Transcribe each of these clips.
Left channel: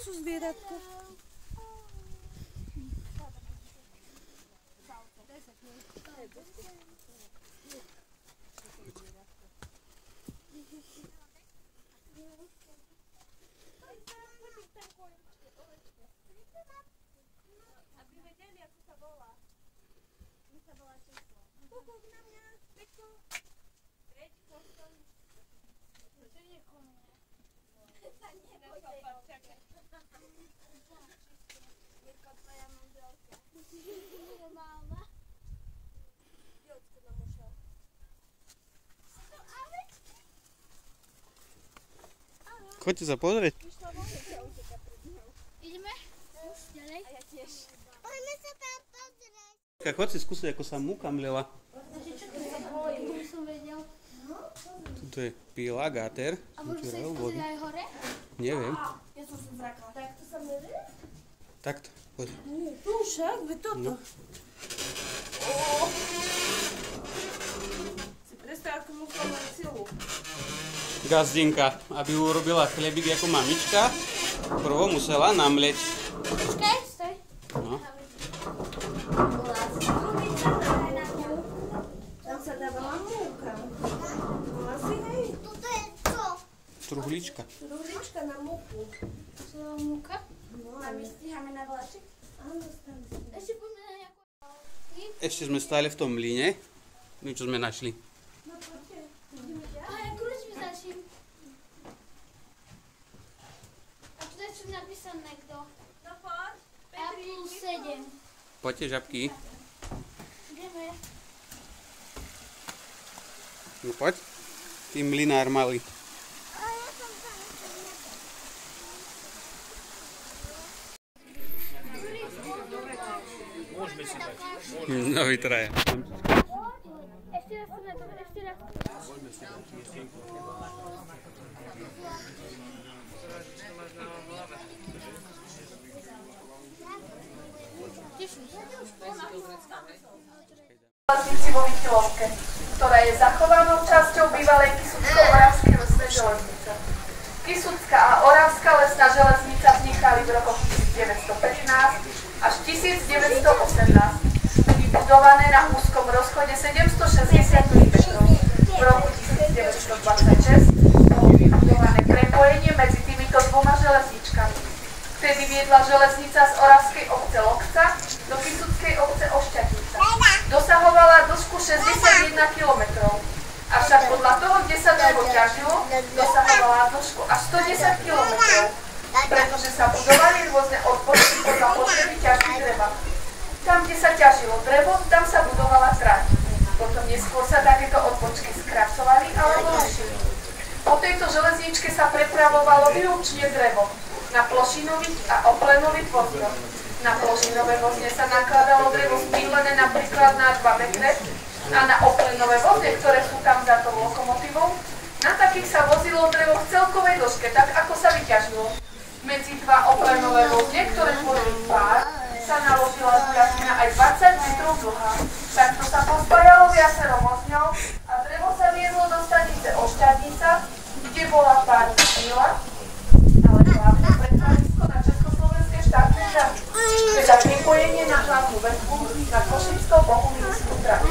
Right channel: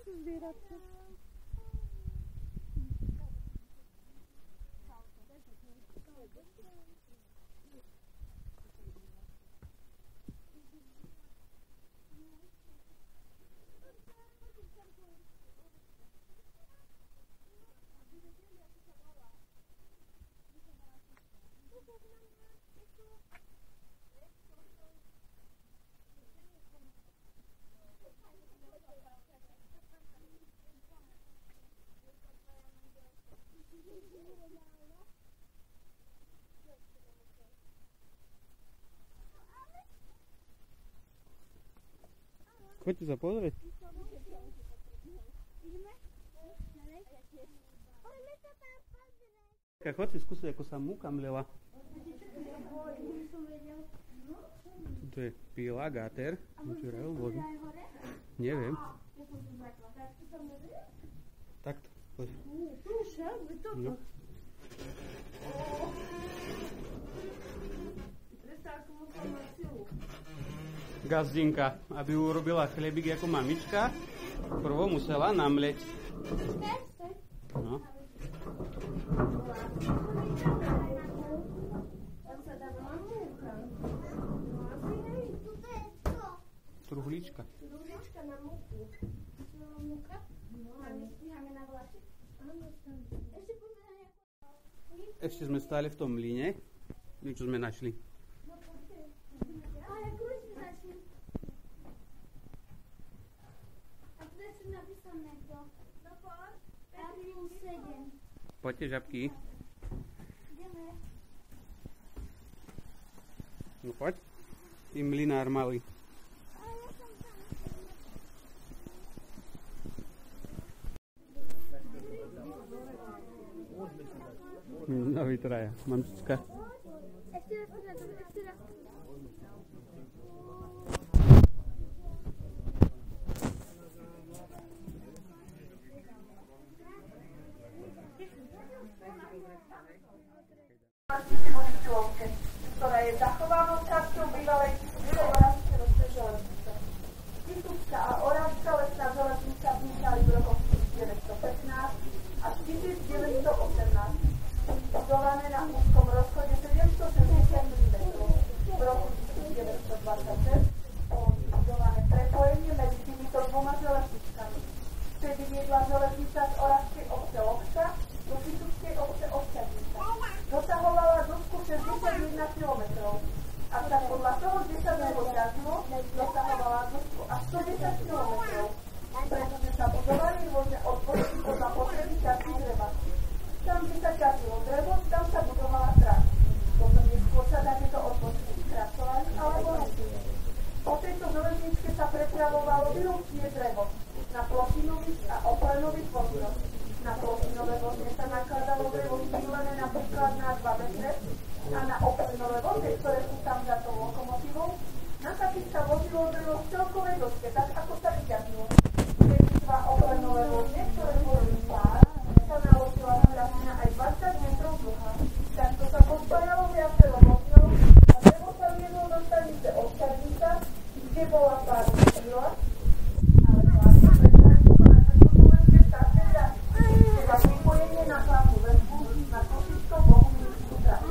sú zvieratka. Choďte sa pozrieť. Ideme? Ďalej? A ja tiež. Poďme sa tam pozrieť. Choď si skúsiť, ako sa múka mlela. Tuto je pilagáter. A môžu sa ísť pozrieť aj hore? Neviem. Ja som sa zrakala. Takto sa mene? Takto, poď. Tu však, veď toto. No. Si predstav, ako musela mať silu. Gazdinka, aby urobila chlebík ako mamička, prvo musela namleť. Počkaj, stoj. No. Tam sa dávala múka. Asi hej. Toto je čo? Truhlička. Truhlička na múku. To sa dá múka. No, A my stíhame na vláček. áno, stane sa. Ešte poďme na nejakú... Ešte sme stáli v tom mlyne. My čo sme našli. No, poďte. A ja kľúč vyznačím. A tu je čo napísané kto? No poď. A plus 7. Poďte, žabky. Ideme. No poď. Ty mlynár malý. No vytraja. Ešte raz poďme, ešte raz. Železnici vo Vytilovke, ktorá je zachovanou časťou bývalej Kisucko-Oravskej lesnej železnice. Kisucká a Oravská lesná železnica vznikali v rokoch 1915 až 1918. Vybudované na úzkom rozchode 760 metrov. V roku 1926 bolo vybudované prepojenie medzi týmito dvoma železničkami. Vtedy viedla železnica z Oravskej obce Lokca do Kisuckej obce Ošťatica. Dosahovala dĺžku 61 km. Avšak podľa toho, kde sa drevo ťažilo, dosahovala dĺžku až 110 km. Pretože sa budovali rôzne odpočty podľa potreby ťažby dreva. Tam, kde sa ťažilo drevo, tam sa budovala trať. Potom neskôr sa takéto odpočky skracovali alebo rušili. Po tejto železničke sa prepravovalo výlučne drevo na plošinových a oplenových vozňoch. Na plošinové vozne sa nakladalo drevo spílené napríklad na 2 metre a na oplenové vozne, ktoré sú tam za tou lokomotívou, na takých sa vozilo drevo v celkovej dĺžke, tak ako sa vyťažilo. Medzi 2 oplenové vozne, ktoré tvorili pár, sa naložila zbrasina aj 20 metrov dlhá. Takto sa pospájalo viacero vozňov a drevo sa viezlo do stanice Ošťadnica, kde bola pár síla, ale hlavne prepravisko na Československé štátne dráhy, teda pripojenie na hlavnú väzbu na Košicko-Bohumínsku trať.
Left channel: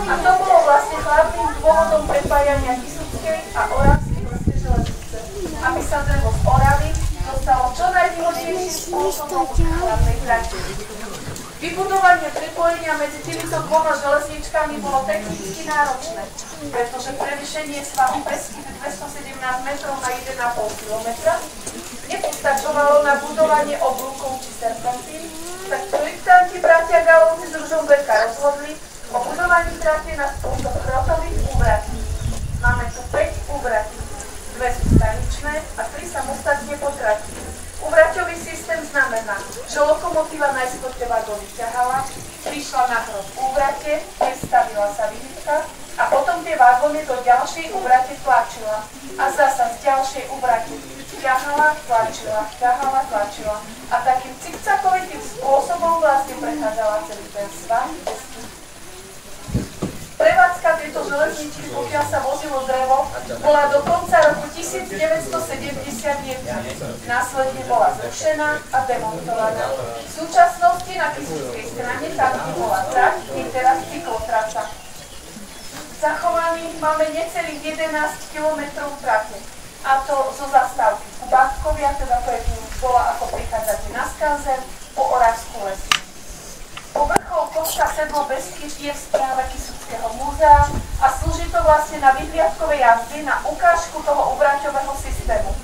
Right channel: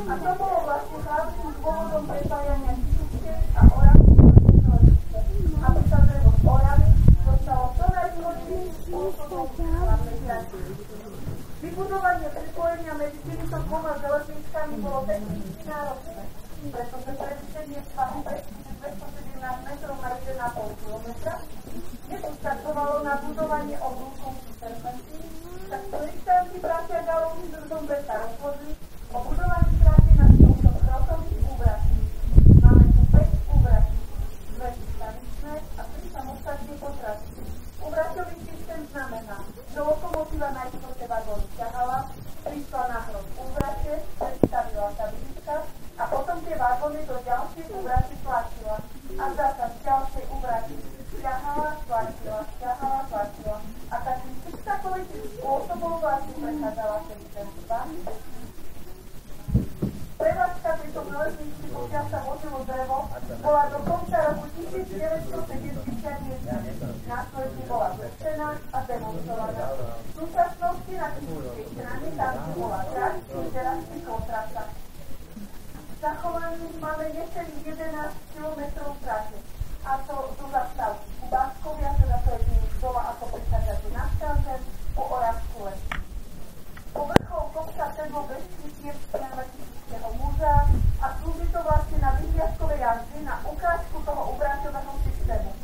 A to bolo vlastne hlavným dôvodom prepájania Kisuckej a Oravskej lesnej železnice, aby sa drevo z Oravy dostalo čo najvýhodnejším spôsobom k hlavnej trati. Vybudovanie prepojenia medzi týmito dvoma železničkami bolo technicky náročné, pretože prevýšenie svahu Beskyt 217 metrov na 1,5 kilometra nepostačovalo na budovanie oblúkov či serpentín, tak projektanti bratia Galovci z Ružomberka rozhodli o budovaní trate na spôsob hrotových úvratí. Máme tu 5 úvratí, 2 sú staničné a 3 samostatne po trati. Úvraťový systém znamená, že lokomotíva najskôr tie vagóny ťahala, prišla na hrot úvrate, prestavila sa výhybka a potom tie vagóny do ďalšej úvrate tlačila a zasa z ďalšej úvrate ťahala, tlačila a takým cikcakovitým spôsobom vlastne prechádzala celý ten svah. Prevádzka tejto železničky, pokiaľ sa vozilo drevo, bola do konca roku 1971. Následne bola zrušená a demontovaná. V súčasnosti na Kysuckej strane tam bola trať, je teraz cyklotrasa. Zachovaných máme necelých 11 km trate, a to zo zastávky Kubátkovia, teda to je bola ako prichádzate na Skanzen, po Oravskú les. Povrchol kopca Sedlo Beskyt je v správe Kysuckého múzea a slúži to vlastne na vyhliadkové jazdy na ukážku toho obraťového systému.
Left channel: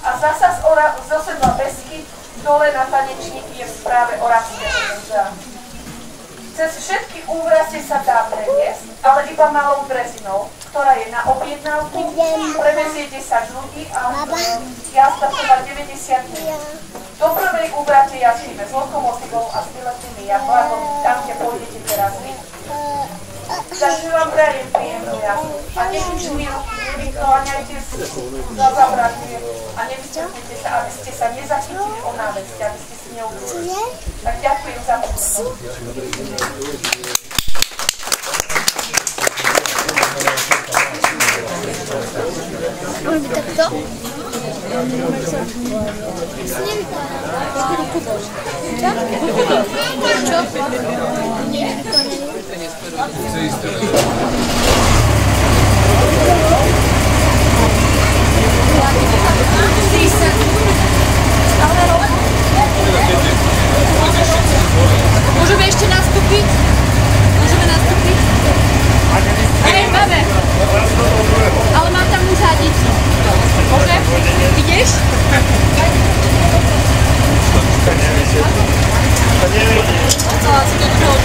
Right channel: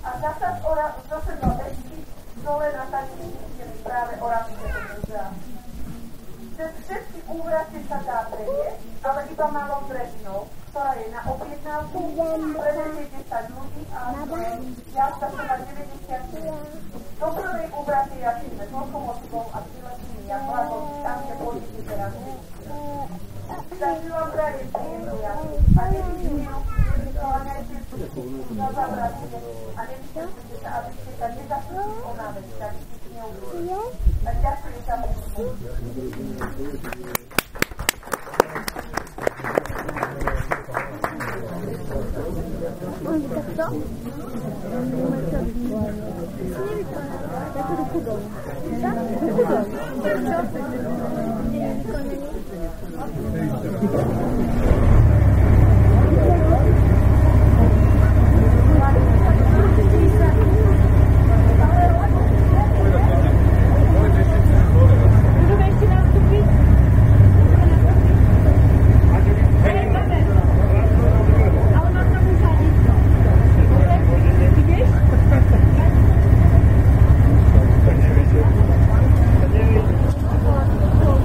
A zasa zo Sedla Beskyt dole na tanečníky je v správe Oravského múzea. Cez všetky úvrazie sa dá previesť, ale iba malou drezinou, ktorá je na objednávku, prevezie 10 ľudí a jazda trvá 90 minút. Do prvej úvrate jazdíme s lokomotívou a s výletnými jablagom, tam, kde pôjdete teraz vy. Takže vám prajem príjemnú jazdu a nevyčujú ruky, nevykláňajte za zabratie a nevystupujte sa, aby ste sa nezachytili o návesti, aby ste si neublížili. Tak ďakujem za pozornosť. Môže byť takto? Takú ruku bol. Čo? Nie, môžeme ešte nastúpiť? Môžeme nastúpiť? Hej, máme. Ale mám tam uzadiť. Môže? Ideš? Chcela si to druhou.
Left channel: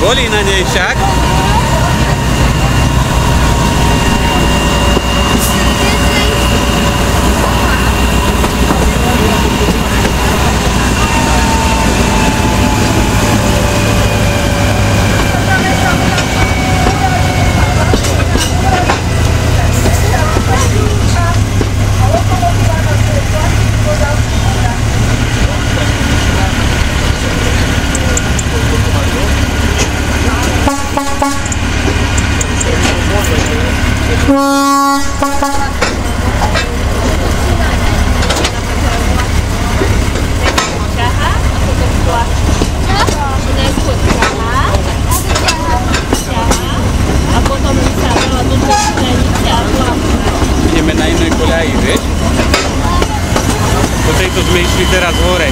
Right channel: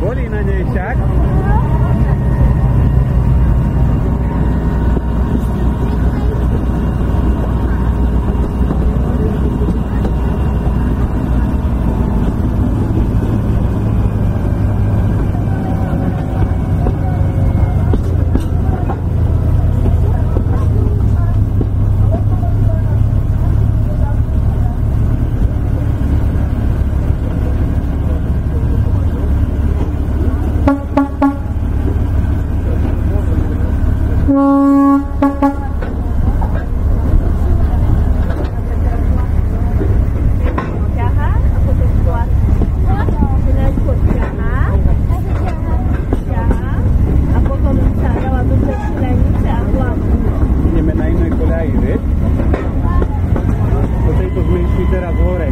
Boli na nej však. Ideme na inej koľaji, vieš? Po tejto sme išli teraz hore.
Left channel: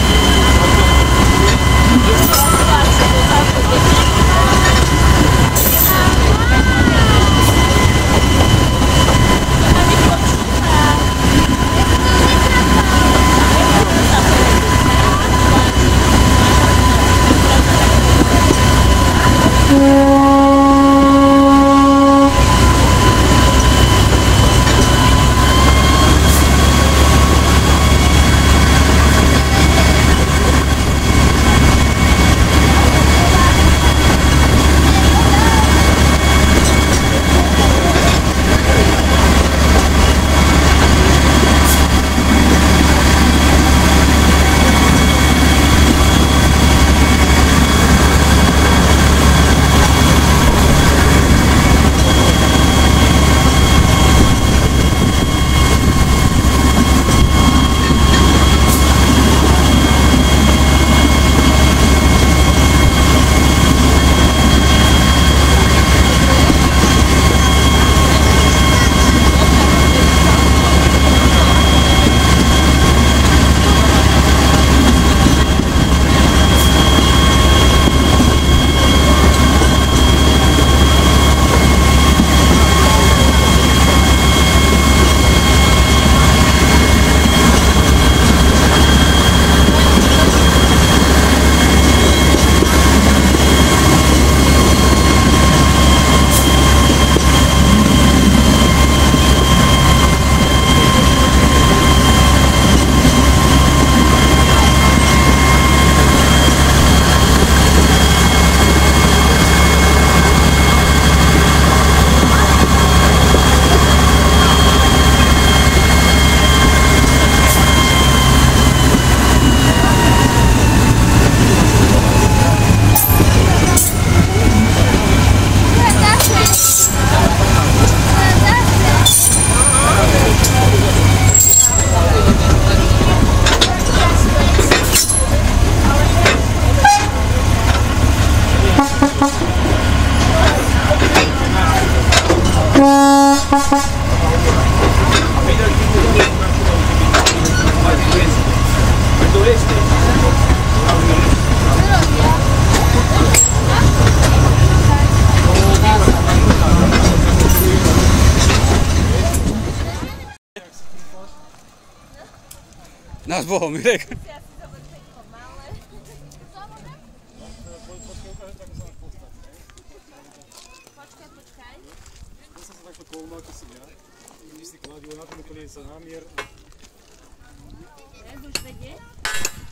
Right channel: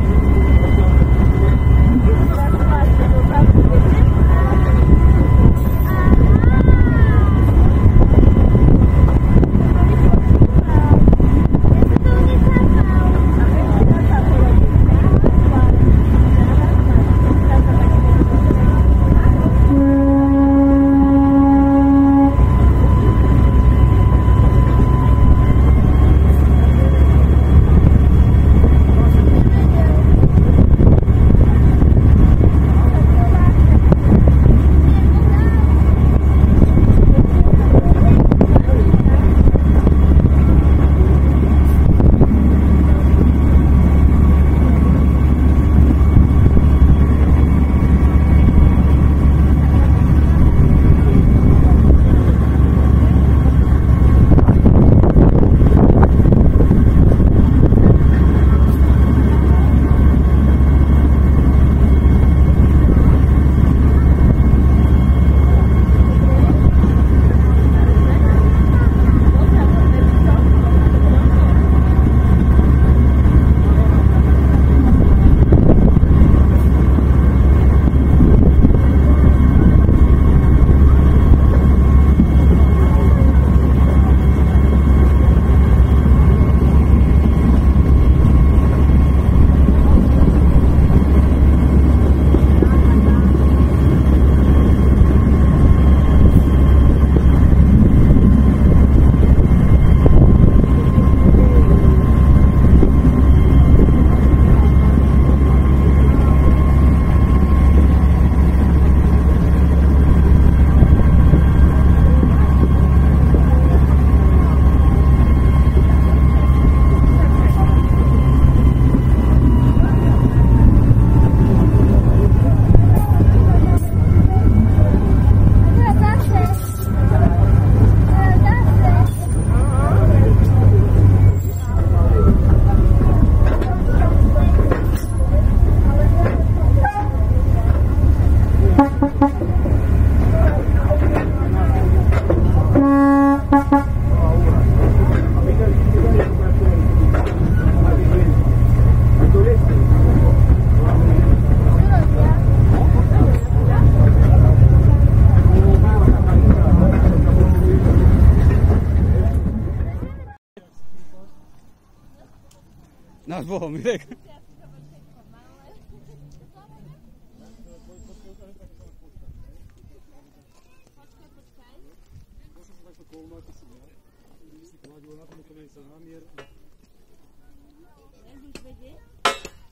Nás Bohom, Mirek.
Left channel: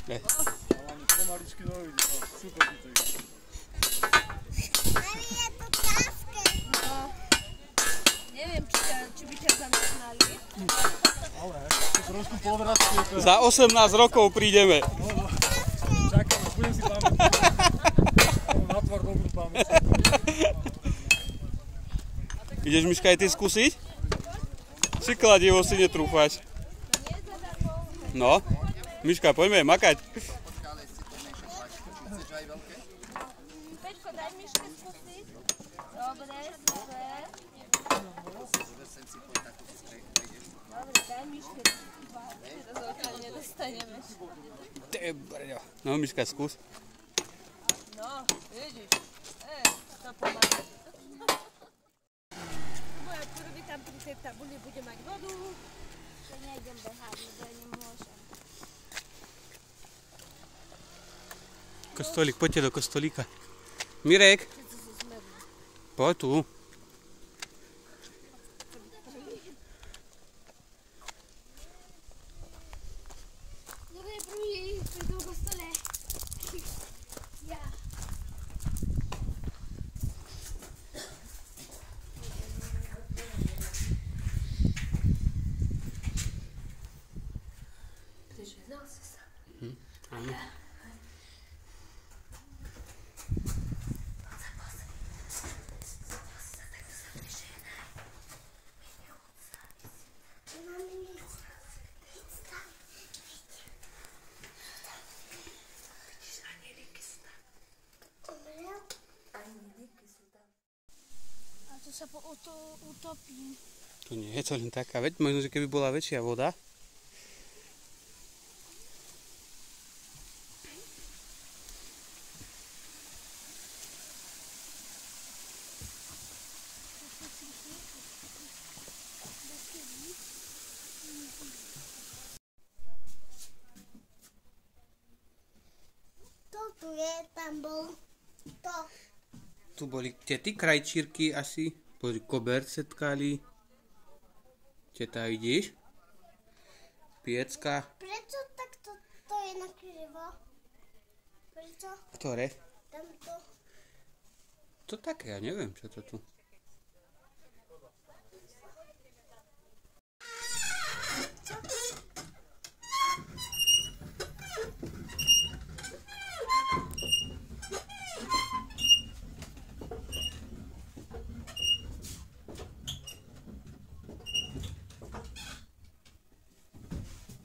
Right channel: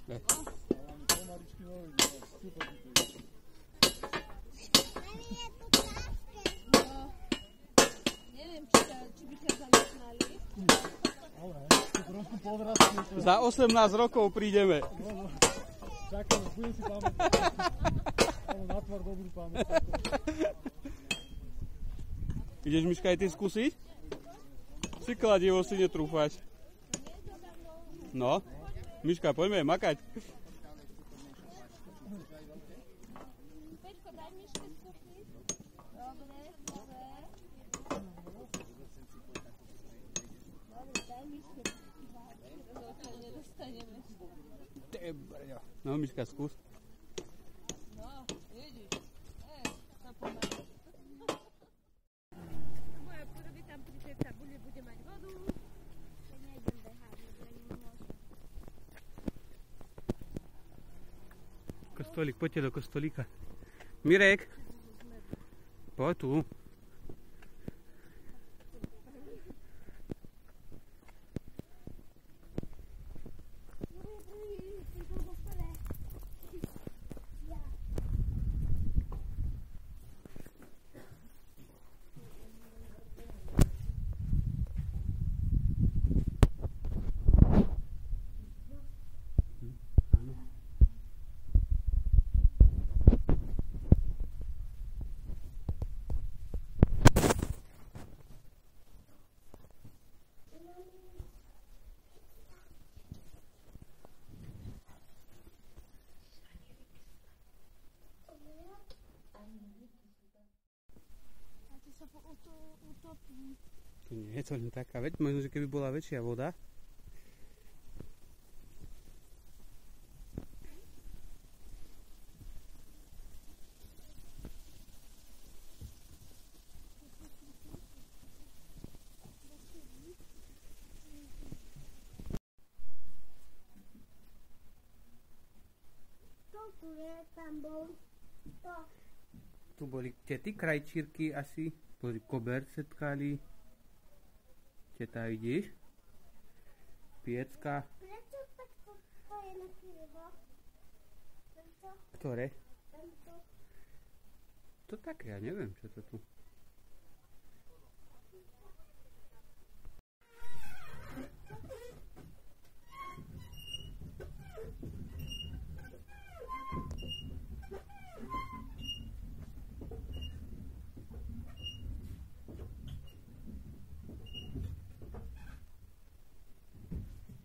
Ne. Neviem, či by ťa zamestnali. Za 18 rokov prídeme. Čakám, budem si pamätať. Na tvár dobrú pamäť. Ideš, Miška, aj ty skúsiť? Či kladivo si netrúfať? No, Miška, poďme makať. Peťko, daj Miške skúsiť. Dobre, super. Dobre, daj Miške. Teraz odtiaľ nedostaneme. No, Miška, skús. No, vidíš. To pomáha. Moja prvý tam pri tej tabuli bude mať vodu. To nejdem behať, to nemôžem. Kostolík, poďte do kostolíka. Mirek, Poď tu. Kto je prvý pri tom kostole? Ja. A to sa utopí. To nie je to len taká vec, možno, že keby bola väčšia voda. To tu je, tam bol to. Tu boli tety krajčírky asi. Pozri, koberce tkali. Teta, vidíš? Piecka. Prečo takto to je nakrivo? Prečo? Ktoré? Tamto. To také, ja neviem, čo to tu.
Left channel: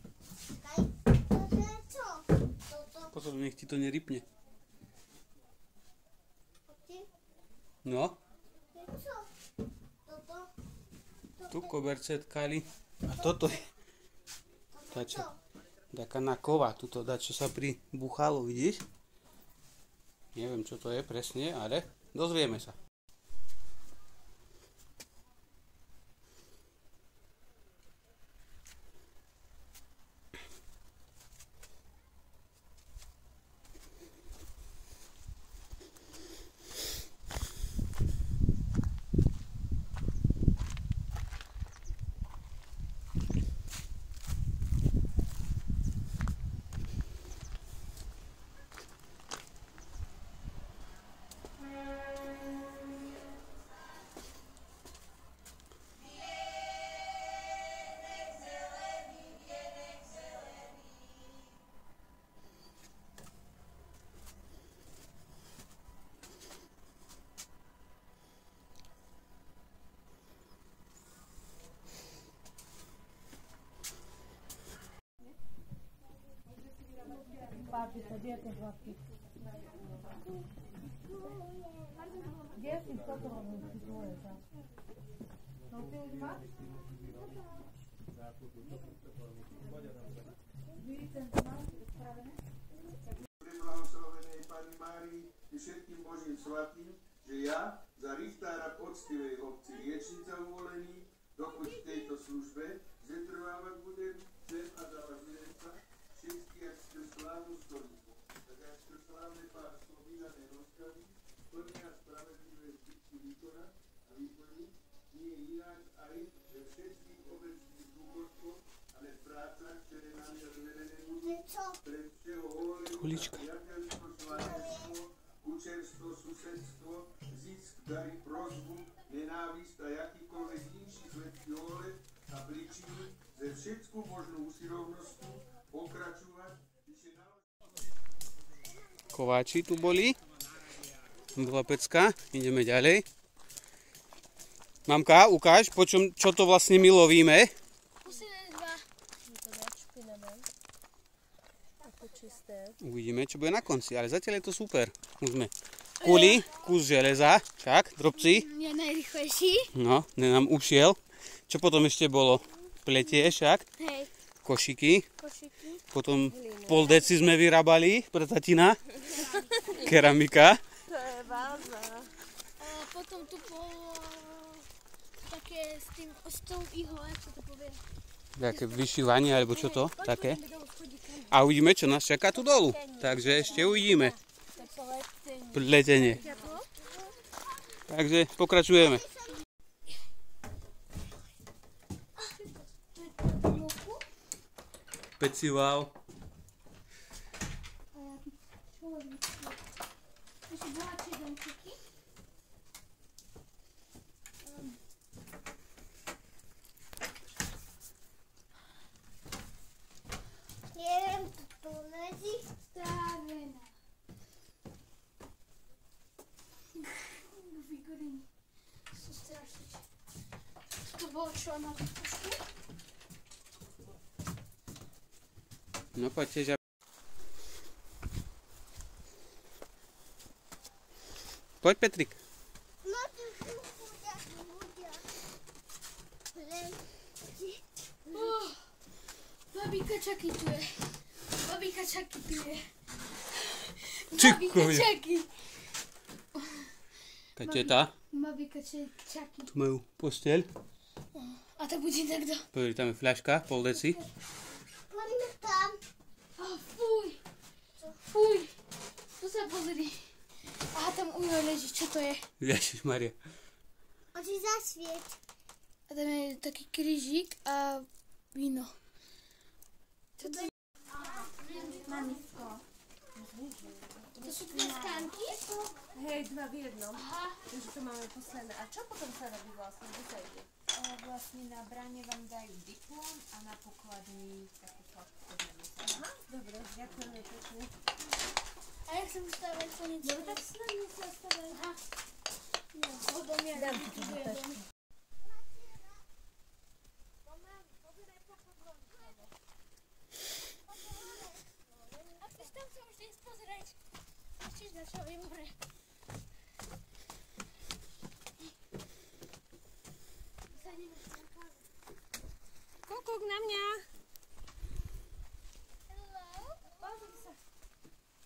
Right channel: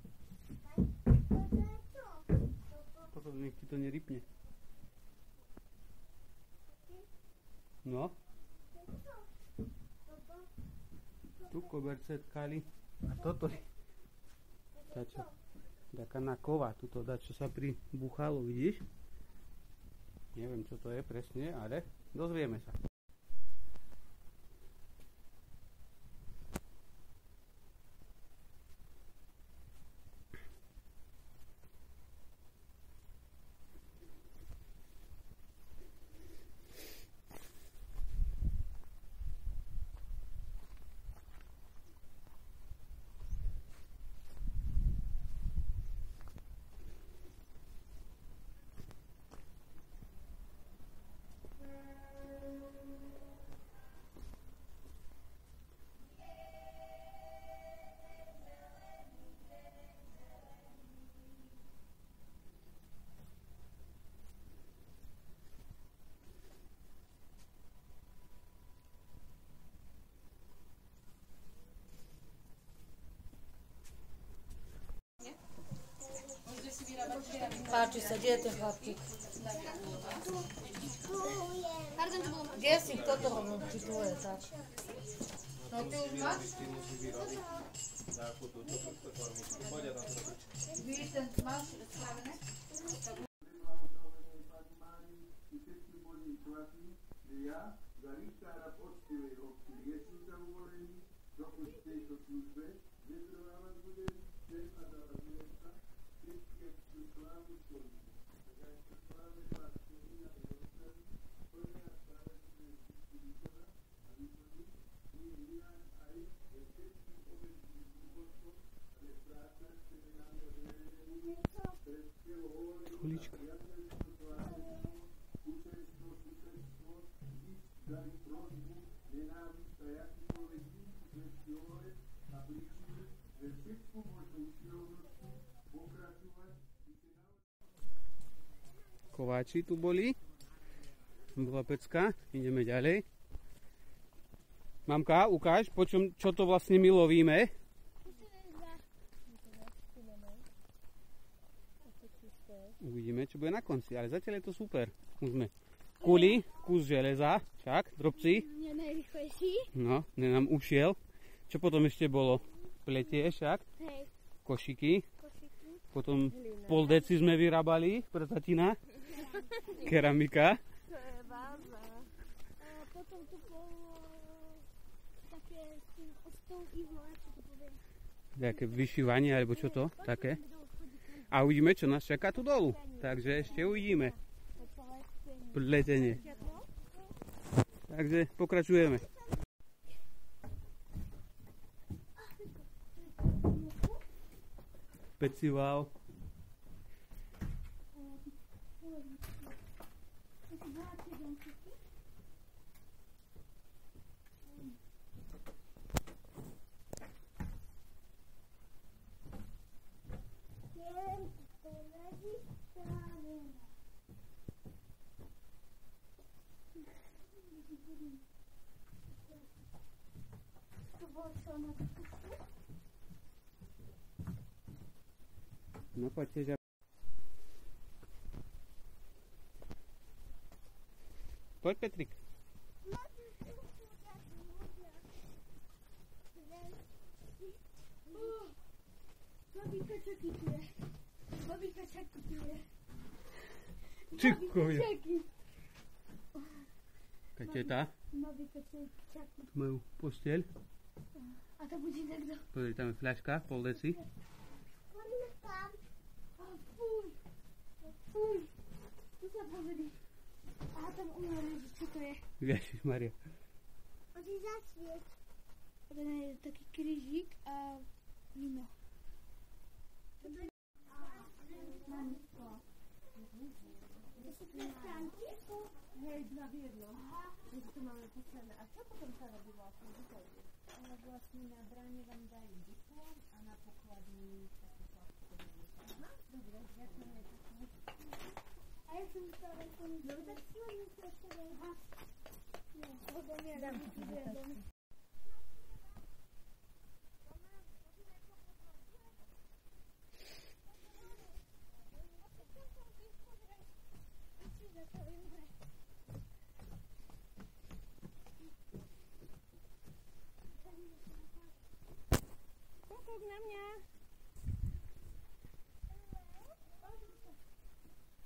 To je čo? Toto. Pozor, nech ti to nerypne. A ty? No, To je čo? Toto. tu koberce tkali. A toto je Toto čo? čo? taká na kova. Tuto dá, čo sa pribuchalo, vidíš? Neviem, čo to je presne, ale dozvieme sa. Páči sa, kde je ten chlapčík? Tu je. Kde si? Toto ho či tvoje, tak. No ty už máš? Víš, ten máš spravené? Blahoslovenej Pani Márii i všetkým Božím svatým, že ja za richtára poctivej obci Riečnica uvolený, dokud v tejto službe zetrvávať budem, chcem a za vás milenca, všetky jak ste slávnu stoličku, tak aj ste slávne pánstvo vydané rozkazy, plnia spravedlivé zbytku výkona a výplní, nie ináč aj ve všetkých obecných dôvodkoch, ale v prácach, ktoré nám je zvedené budú, Čo? pred všeho hovorím, Kulička. priateľstvo, slávenstvo, učerstvo, susedstvo, zisk, dary, prosbu, nenávisť a jakýkoľvek inší zlečí ohľad a príčiny, ze všetku možnú usilovnosťu pokračovať, ešte Kováči tu boli. Bola pecka, ideme ďalej. Mamka, ukáž, čo to vlastne my lovíme. Posledné dva. Je to dať špinavé. Ako čisté. Uvidíme, čo bude na konci, ale zatiaľ je to super. Už sme kuli, kus železa, však, drobci. Je najrychlejší. No, nám ušiel. Čo potom ešte bolo? Pletie však, Hej. košiky. Košiky. Potom pol deci sme vyrábali pre tatina. Keramika. To je váza. A potom tu bolo také s tou ihlou, jak sa to povie. Také vyšívanie, alebo čo to? Také. A uvidíme, čo nás čaká tu dolu. Takže ešte uvidíme. Pletenie. Takže pokračujeme. Pecival. Neviem, tu leží. Stavená. Figuríny. Sú strašne. To bolo čo na výpušku? No poďte, že... Poď, Petrik. No tu sú ľudia. Babíka Čaky tu je. Babíka Čaky tu je. Čiko je. Čaky. Kaďte tá? Babíka Čaky. Tu majú posteľ. A to bude takto. Pozri, tam je fľaška, pol deci. Poďme tam. Fuj. Fuj. Tu sa pozri. Aha, tam ujo leží. Čo to je? Ježišmaria. Oči zasvieť. A tam je taký krížik a víno. Čo to je? Mamisko. To sú dve skánky? Hej, dva v jednom. Takže to máme posledné. A čo potom sa robí vlastne? Kde sa ide? Vlastne na bráne vám dajú diplom a na pokladni takú flašku od namiesto. Dobre, ďakujeme pekne. A jak sa vystavať to niečo? Dobre, tak s nami sa stavaj. Aha. No, odo mňa vytuduje dom. A chceš tam sa už ísť pozrieť? Chceš na čo je more? Kúkuk na mňa. Hello? Pozri sa.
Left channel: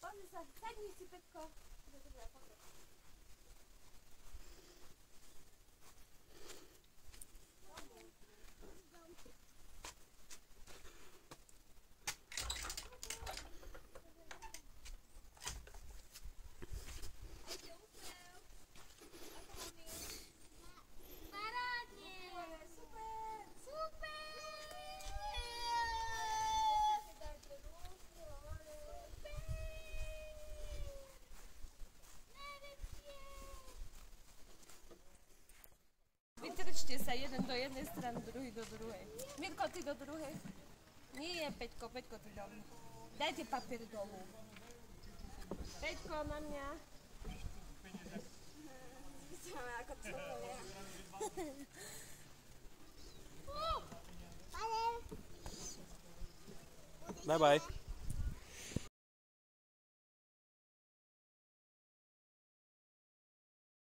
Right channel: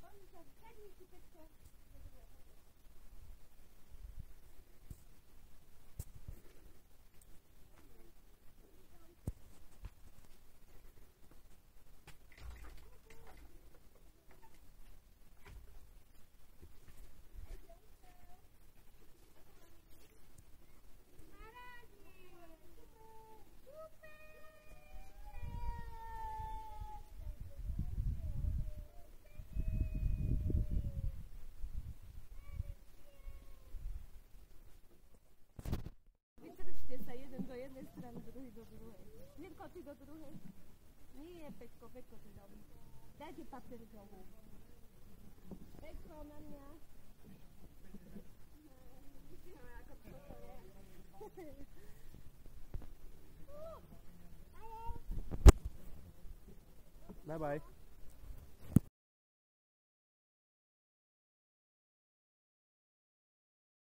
Pozri sa. Sadni si, Petko. Vytrčte sa jeden do jednej strany, druhý do druhej. Mirko, ty do druhej. Nie, Peťko, Peťko, ty dolu. Dajte papier dolu. Peťko, na mňa. Bye bye.